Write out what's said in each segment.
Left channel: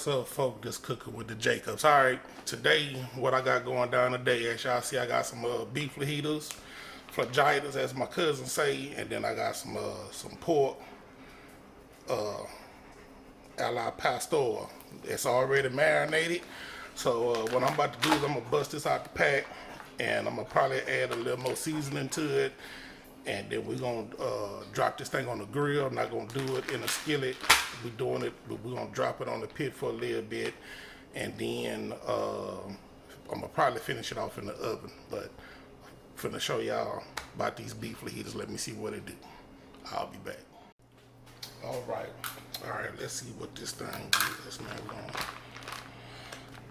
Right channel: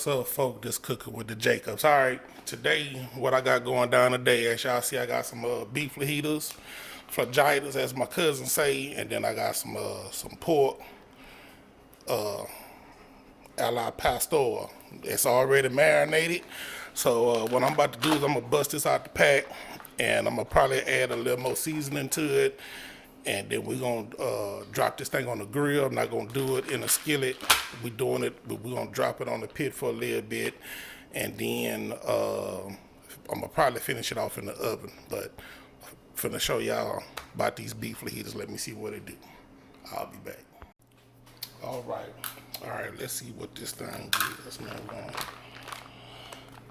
What's up, folks? Just cooking with the Jacobs. All right, today, what I got going down today, as y'all see, I got some beef fajitas, fajitas, as my cousins say, and then I got some pork, a la pastor. It's already marinated. So what I'm about to do is I'm gonna bust this out the pack, and I'm gonna probably add a little more seasoning to it, and then we're gonna drop this thing on the grill. I'm not gonna do it in a skillet. We're doing it, but we're gonna drop it on the pit for a little bit, and then I'm gonna probably finish it off in the oven. But I'm finna show y'all about these beef fajitas. Let me see what it do. I'll be back. All right. Let's see what this thing is. Now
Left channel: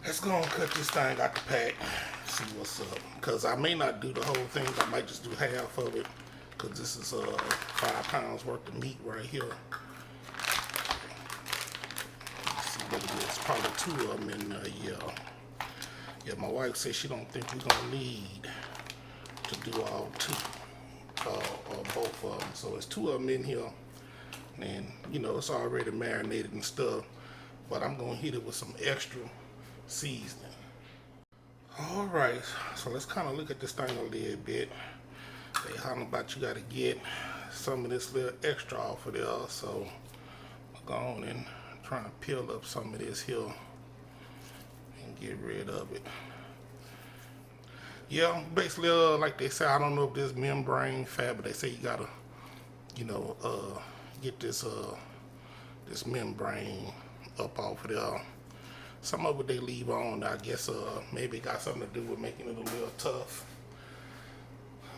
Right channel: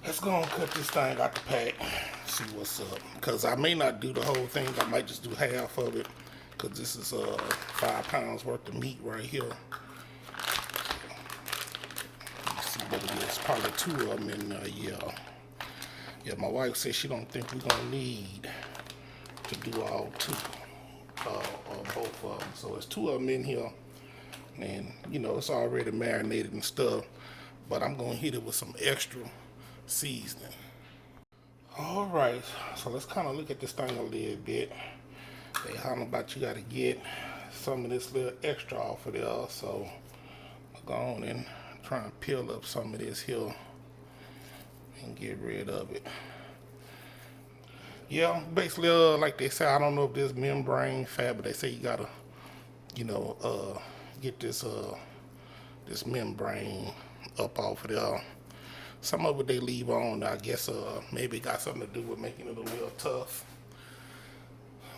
let's go and cut this thing out the pack. See what's up. Cause I may not do the whole thing. I might just do half of it. Cause this is 5 pounds worth of meat right here. Let's see what it is. Probably 2 of them in there. Yeah. My wife said she don't think we're gonna need to do all 2 or both of them. So it's 2 of them in here. And you know, it's already marinated and stuff, but I'm gonna hit it with some extra seasoning. All right, so let's kind of look at this thing a little bit. They hollering about you gotta get some of this little extra off of there, so I'll go on and try and peel up some of this here and get rid of it. Yeah, basically, like they say, I don't know if there's membrane fat, but they say you gotta, you know, get this this membrane up off of there. Some of it they leave on. I guess maybe it got something to do with making it a little tough.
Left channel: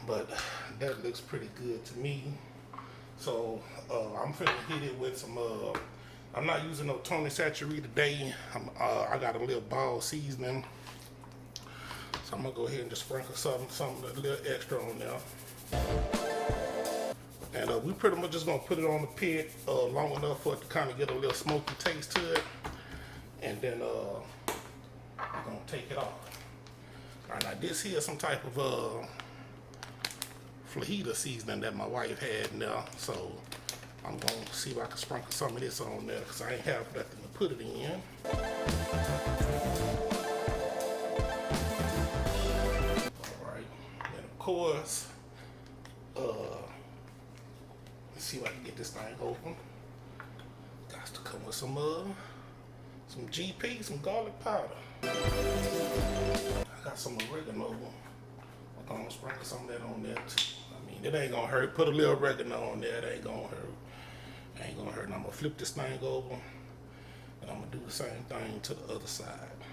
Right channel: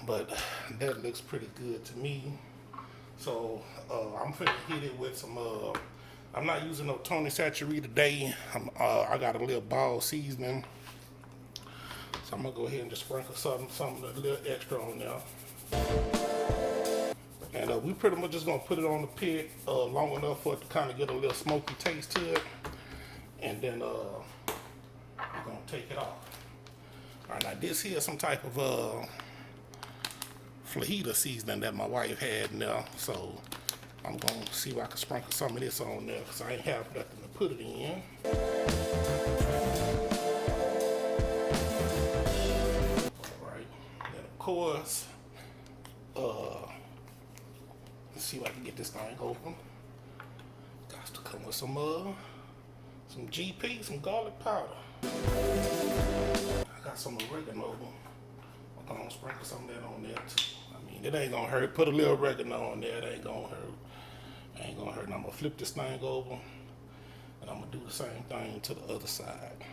But that looks pretty good to me. So I'm finna hit it with some. I'm not using no Tony Satchery today. I got a little ball seasoning. So I'm gonna go ahead and just sprinkle something a little extra on there. And we pretty much just gonna put it on the pit long enough for it to kind of get a little smoky taste to it. And then we're gonna take it off. All right, now this here is some type of fajita seasoning that my wife had in there. So I'm gonna see if I can sprinkle some of this on there because I ain't have nothing to put it in. All right, and of course, let's see if I can get this thing open. Got to come with some GP, some garlic powder. I got some oregano. I'm gonna sprinkle some of that on there too. I mean, it ain't gonna hurt. Put a little oregano on there. It ain't gonna hurt. Ain't gonna hurt. And I'm gonna flip this thing over, and I'm gonna do the same thing to the other side.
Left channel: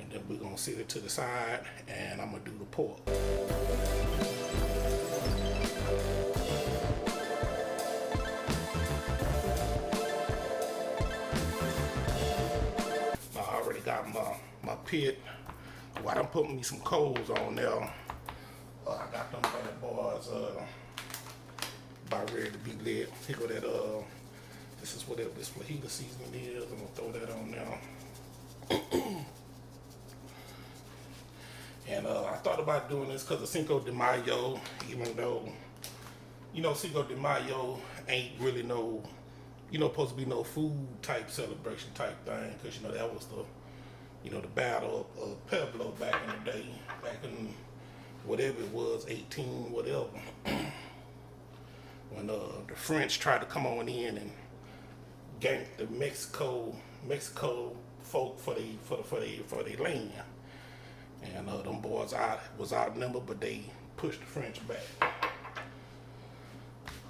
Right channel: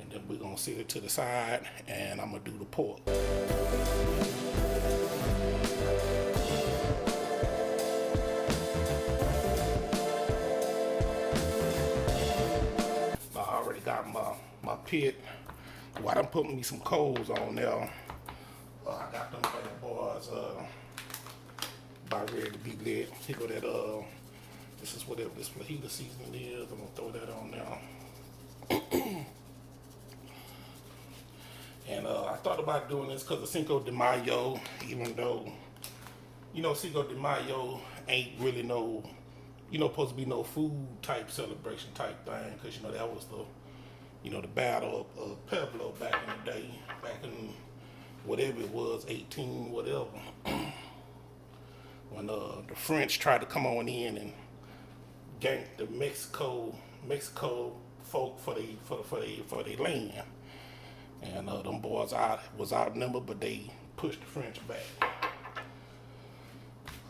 And then we're gonna set it to the side, and I'm gonna do the pork. Got my pit. Well, I'm putting me some coals on there. I got them bad boys about ready to be lit. Here go that this is whatever this fajita seasoning is. I'm gonna throw that on there. And I thought about doing this because of Cinco de Mayo, even though, you know, Cinco de Mayo ain't really no, you know, supposed to be no food type celebration type thing, because you know that was the, you know, the battle of Pueblo back in the day, back in whatever it was, 18 whatever, when the French tried to come on in and gank the Mexico folk for their land, and them boys was outnumbered, but they pushed the French back.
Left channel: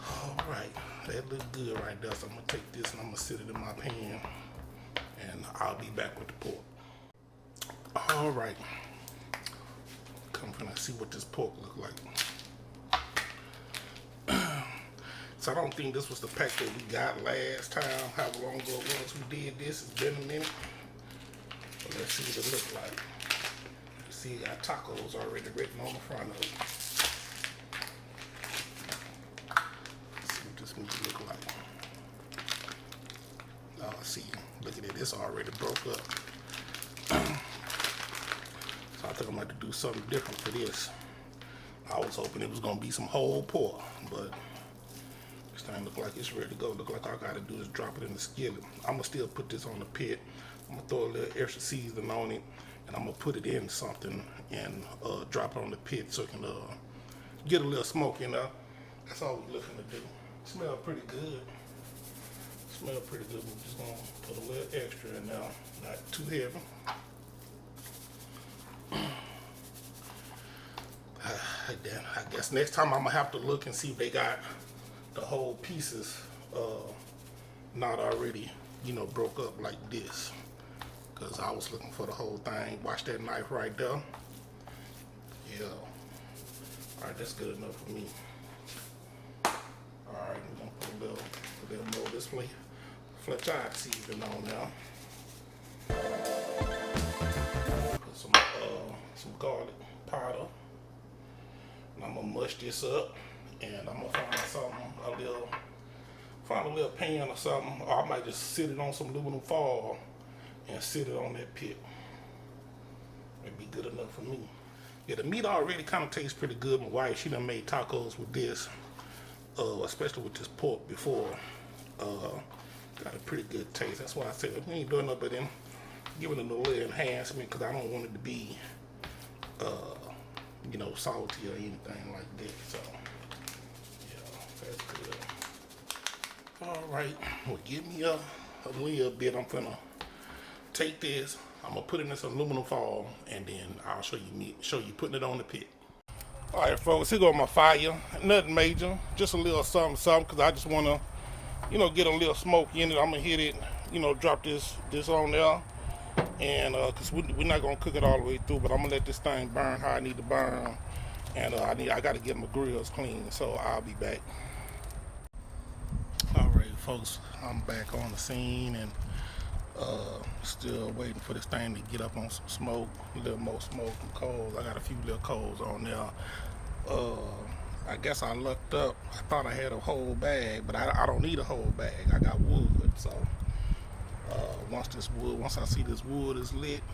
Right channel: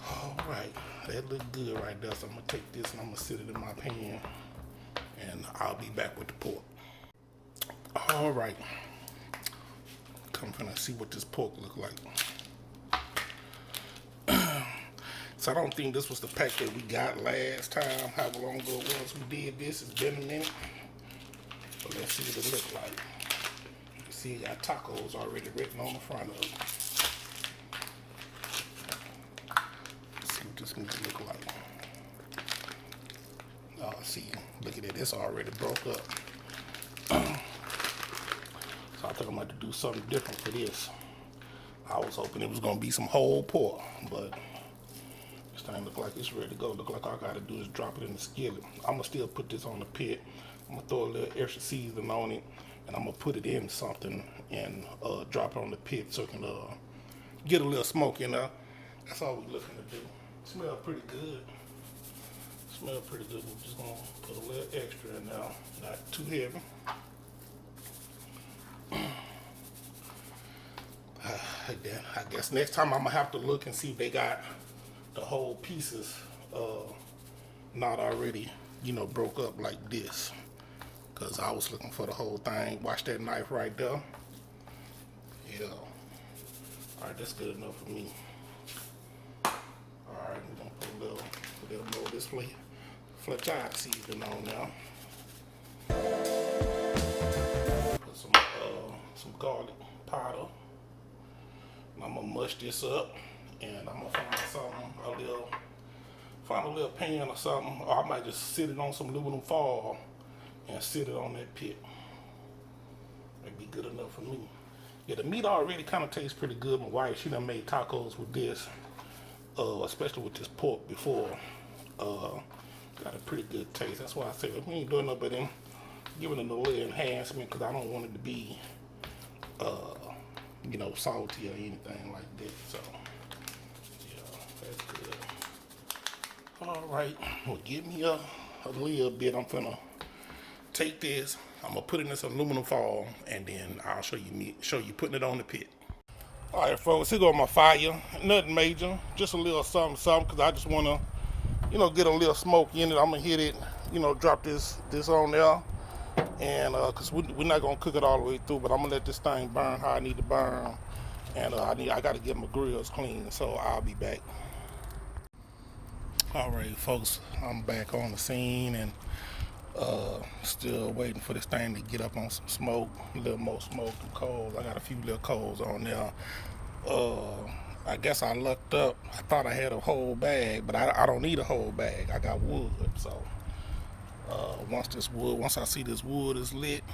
All right, that looks good right there. So I'm gonna take this and I'm gonna sit it in my pan, and I'll be back with the pork. All right, come from and see what this pork look like. So I don't think this was the pack that we got last time. However long ago it was we did this. It's been a minute. But let's see what it look like. You see, it got tacos already written on the front of it. Let's see what this movie look like. Oh, see, look at it. It's already broke up. So I think I'm going to do something different for this. I was hoping it was going to be some whole pork, but This thing look like it's ready to go. Look like all I gotta do is drop it in the skillet. I'm gonna still put this on the pit. I'm gonna throw a little extra seasoning on it, and I'm gonna put it in something and drop it on the pit so it can get a little smoke in there. That's all we're looking to do. Smell pretty good. Smell pretty good. We're just gonna put a little extra in there, not too heavy. Then I guess next time I'm gonna have to look and see if they got the whole pieces not already, broke up like this. Cause I was looking for the whole thing. Watch that knife right there. Yeah. All right, that's good enough for me. All right, we're gonna put a little more of this Fajitas seasoning on now. Put some garlic powder. And I'm gonna mush this up, and I'm gonna find a little pan or something, or I might just sit it on some aluminum foil and sit it on that pit. That'd be good enough for me. Yeah, the meat already kind of tastes pretty good. My wife, she done made tacos with this, especially with this pork before. Got a pretty good taste. That's why I said we ain't doing nothing but then giving it a little enhancement, because I don't want it to be salty or anything like that. So, yeah, that's good. All right, well, give me a little bit. I'm gonna take this. I'm gonna put it in this aluminum foil, and then I'll show you putting it on the pit. All right, folks, here go my fire. Nothing major, just a little something, because I just wanna, get a little smoke in it. I'm gonna hit it, drop this on there. And because we're not gonna cook it all the way through, but I'm gonna let this thing burn how I need to burn, and I gotta get my grills clean, so I'll be back. All right, folks, I'm back on the scene, and still waiting for this thing to get up on some smoke, a little more smoke and coals. I got a few little coals on there. I guess I lucked up. I thought I had a whole bag, but I don't need a whole bag. I got wood, so. Once I see this wood is lit,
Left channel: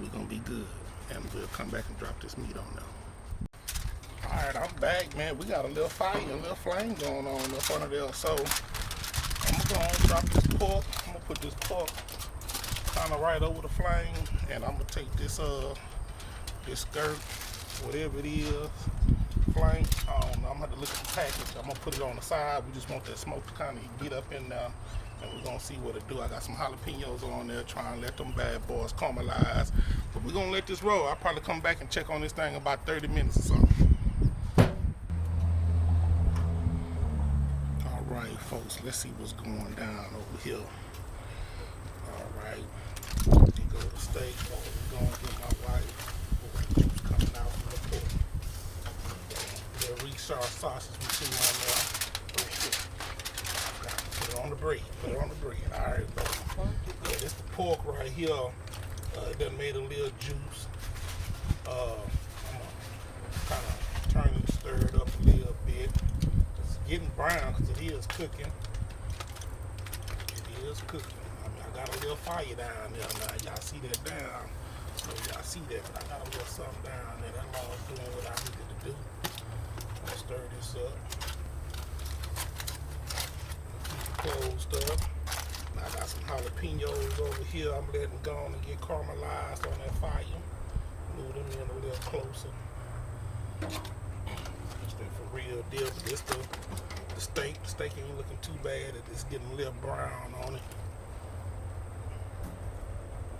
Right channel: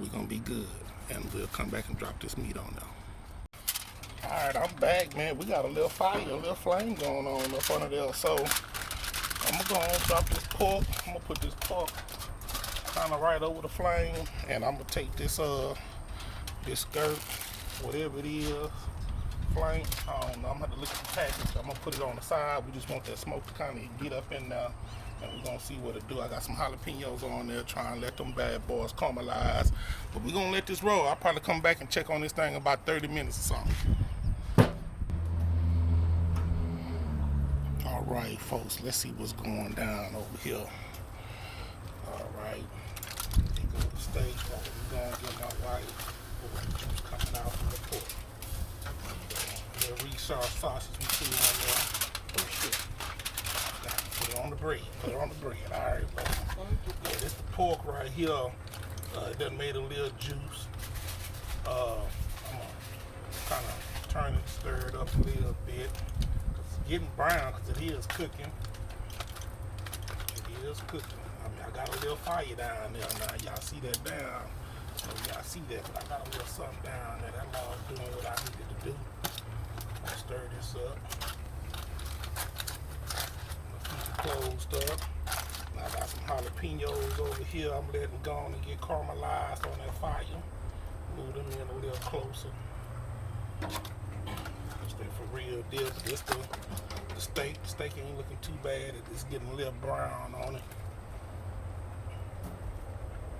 we're gonna be good, and we'll come back and drop this meat on there. All right, I'm back, man. We got a little fire, a little flame going on up under there. So I'm gonna drop this pork. I'm gonna put this pork kind of right over the flame, and I'm gonna take this this skirt, whatever it is, flame. I don't know. I'm gonna have to look at the package. I'm gonna put it on the side. We just want that smoke to kind of get up in there. And we're gonna see what it do. I got some jalapenos on there, trying to let them bad boys caramelize. But we're gonna let this roll. I'll probably come back and check on this thing in about 30 minutes or something. All right, folks, let's see what's going down over here. All right, here go the steak. We're gonna get my wife. Juice coming out from the pork. The Richard sausage we see on there. Put it on the bread. All right, folks. Yeah, this the pork right here. It done made a little juice. I'm gonna kind of turn it, stir it up a little bit. It's getting brown because it is cooking. It is cooking. I mean, I got a little fire down there now. Y'all see that down? So y'all see that, but I got a little something down there. That's all doing what I needed to do. I'm gonna stir this up. Closed up. Now I got some jalapenos over here. I'm letting go on and get caramelized on that fire. Move them in a little closer. It's been for real deal, but this the steak. The steak ain't looking too bad. It's getting a little brown on it.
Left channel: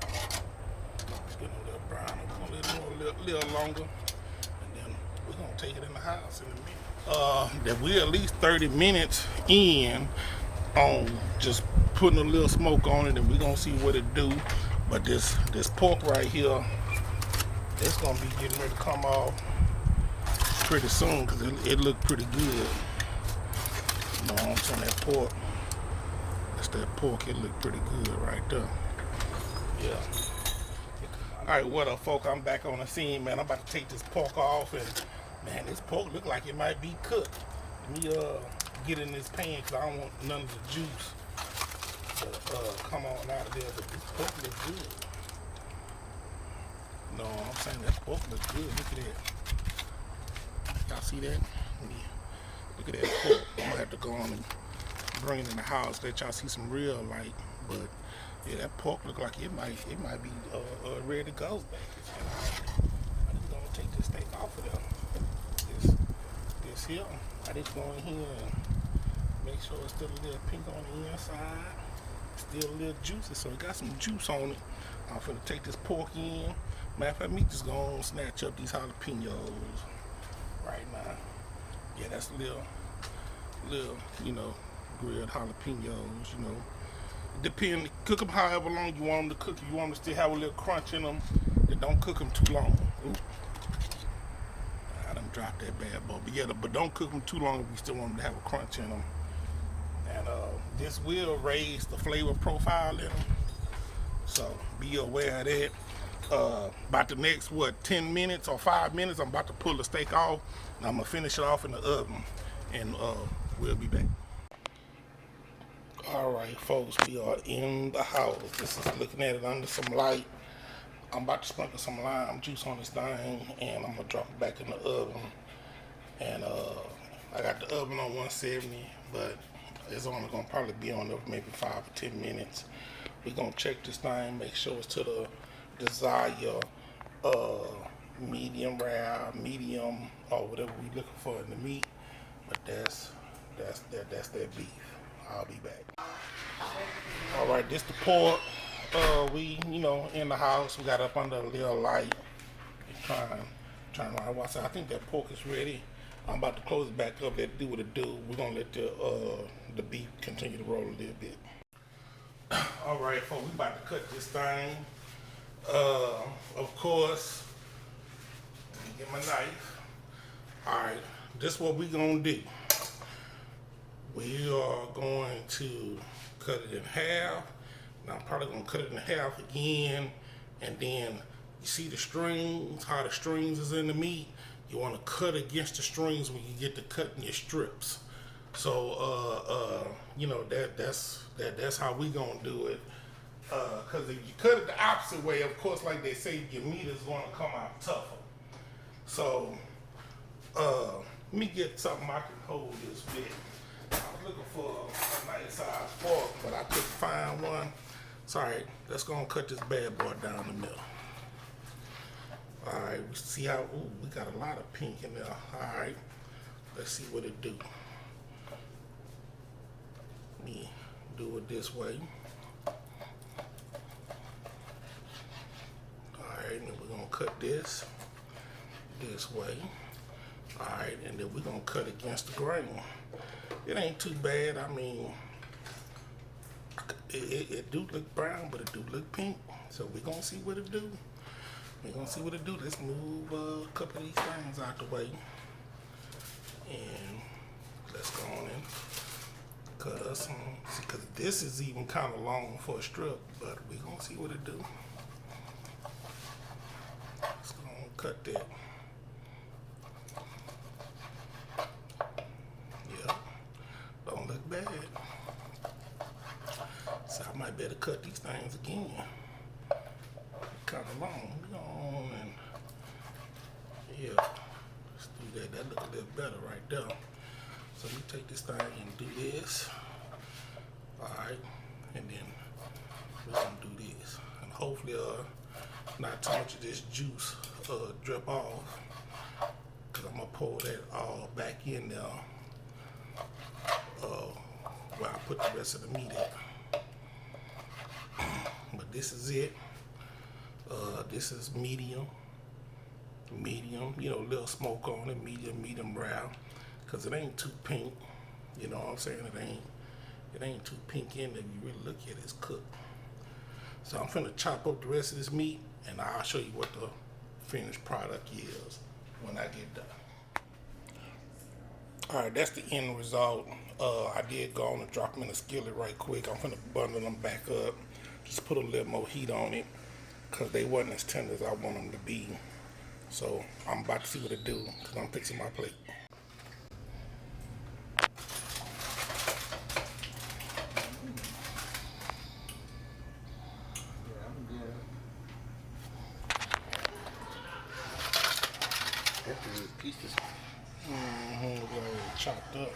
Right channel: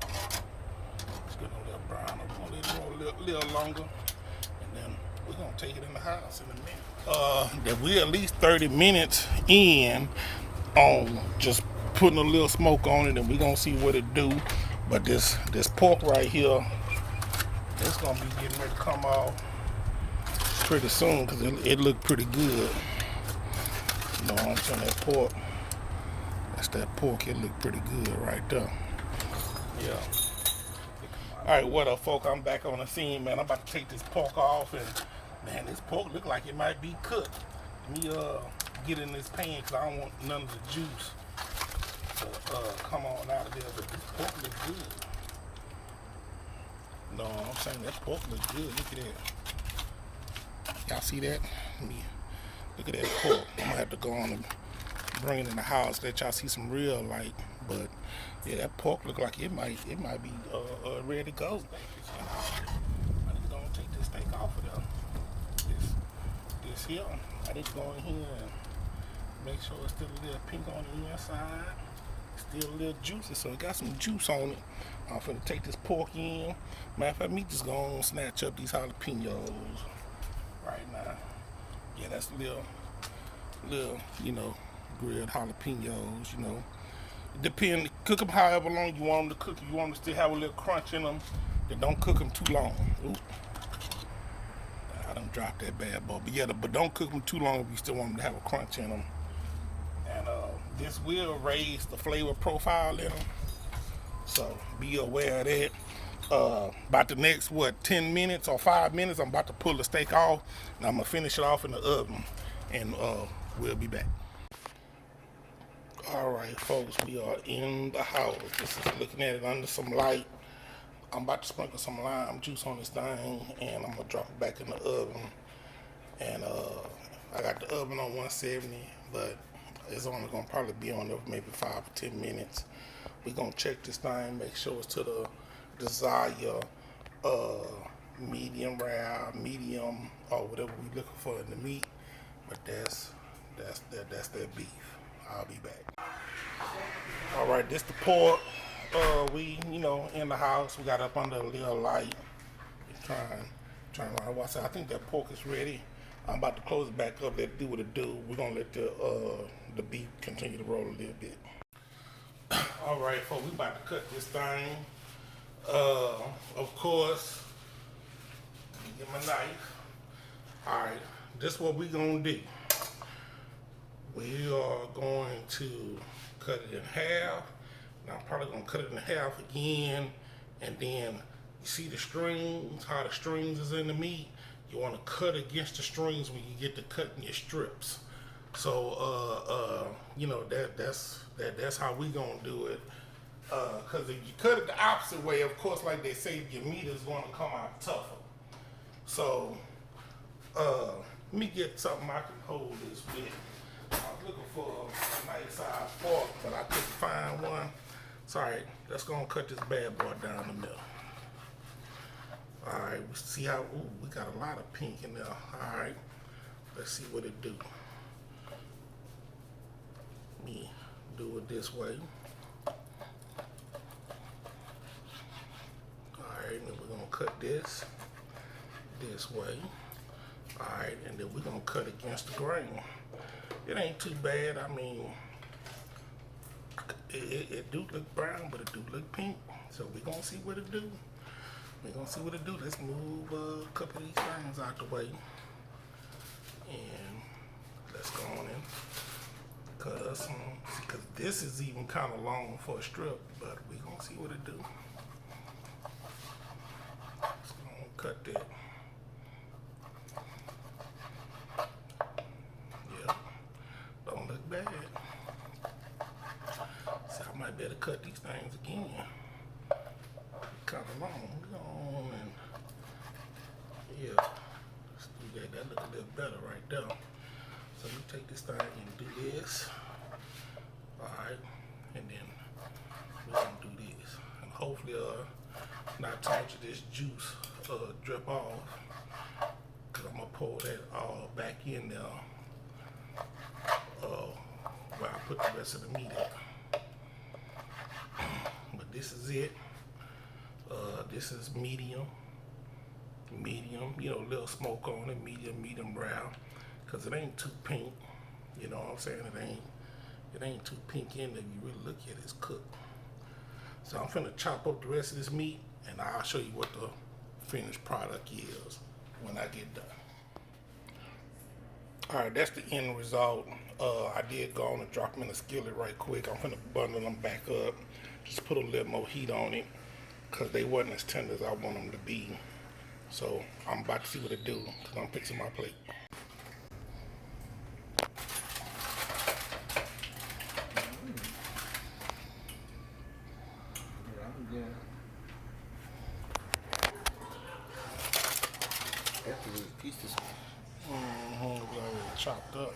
It's getting a little brown. I'm gonna let it go a little longer, and then we're gonna take it in the house in a minute. That we're at least 30 minutes in on just putting a little smoke on it, and we're gonna see what it do. But this pork right here, it's gonna be getting ready to come off pretty soon, because it looked pretty good. You know what I'm saying? That pork, that's that pork. It looked pretty good right there. Yeah. All right, what up, folk? I'm back on the scene, man. I'm about to take this pork off, and man, this pork look like it might be cooked. Let me get in this pan, because I don't want none of the juice to come on out of there. But this pork looks good. No, I'm saying that pork looks good. Look at that. Y'all see that? Look at that pork. I'm gonna have to going and bring it in the house, let y'all see some real light. But yeah, that pork look like it might be ready to go. And, I'm just gonna take this steak off of there. This here, I need to go in here and make sure it's still a little pink on the inside, still a little juicy, so it got some juice on it. I'm finna take this pork in. Matter of fact, me just gonna snatch up these jalapenos right now. Yeah, that's little, grilled jalapenos, Depend, cook them however long you want them to cook. If you want them to still have a little crunch in them, then don't cook them too long. Ooh. I done dropped that bad boy. But yeah, but don't cook them too long if you still want them to have a crunch in them. And this will raise the flavor profile in them. So be aware of that. About the next 10 minutes or 5 minutes, I'm about to pull the steak off, and I'm gonna finish it off in the oven, and we'll be back. All right, folks, we are in the house. This is looking at it under some light. I'm about to sprinkle some lime juice on this thing, and I'm gonna drop it back in the oven. And I got the oven on 170, but it's only gonna probably be on there for maybe 5 or 10 minutes. We're gonna check this thing, make sure it's to the desired medium rare, medium, or whatever we're looking for in the meat. But that's that beef. I'll be back. All right, this the pork. We in the house. We got up under a little light. Trying around. I think that pork is ready. I'm about to close it back up. Let it do what it do. We're gonna let the beef continue to roll a little bit. All right, folks, we about to cut this thing. Of course, let me get my knife. All right, this is what we're gonna do. We are going to cut it in half. And I'm probably gonna cut it in half again, and then you see the strings, how the strings is in the meat. You want to cut against the strings when you get to cutting your strips. So that's how we gonna do it. Because if you cut it the opposite way, of course, like they say, your meat is gonna come out tougher. So let me get something I can hold this with. I was looking for a nice size fork, but I couldn't find one. Sorry, let's go and cut this bad boy down the middle. All right, we see how, we got a lot of pink in there. All right, let's see what it do. Me do it this way. All right, and then we're gonna cut this way. All right, and then we're gonna cut against the grain. It ain't too bad. I mean, it do look brown, but it do look pink. So we're gonna see what it do. We're gonna see what it do. Let's move a couple of these things out the way. And let's go on and cut us some, because this is even kind of long for a strip, but we're gonna see what it do. Let's go on and cut that. Yeah, don't look bad. So I might better cut these things again. Kind of long. Go on and yeah, let's do that. That look a little better right there. So we take this thing and do this. All right, and then we're gonna do this, and hopefully not too much of this juice drip off, because I'm gonna pour that all back in there where I put the rest of the meat at. But this is it. This is medium, a little smoke on it, medium rare, because it ain't too pink, you know what I'm saying? It ain't too pink in there. If you really look at it, it's cooked. So I'm finna chop up the rest of this meat, and I'll show you what the finished product is when I get done. All right, that's the end result. I did go on and drop them in the skillet right quick. I'm finna bundle them back up, just put a little more heat on it, because they wasn't as tender as I want them to be. So I'm about to see what it do, because I'm fixing my plate. Pieces. We already chopped up.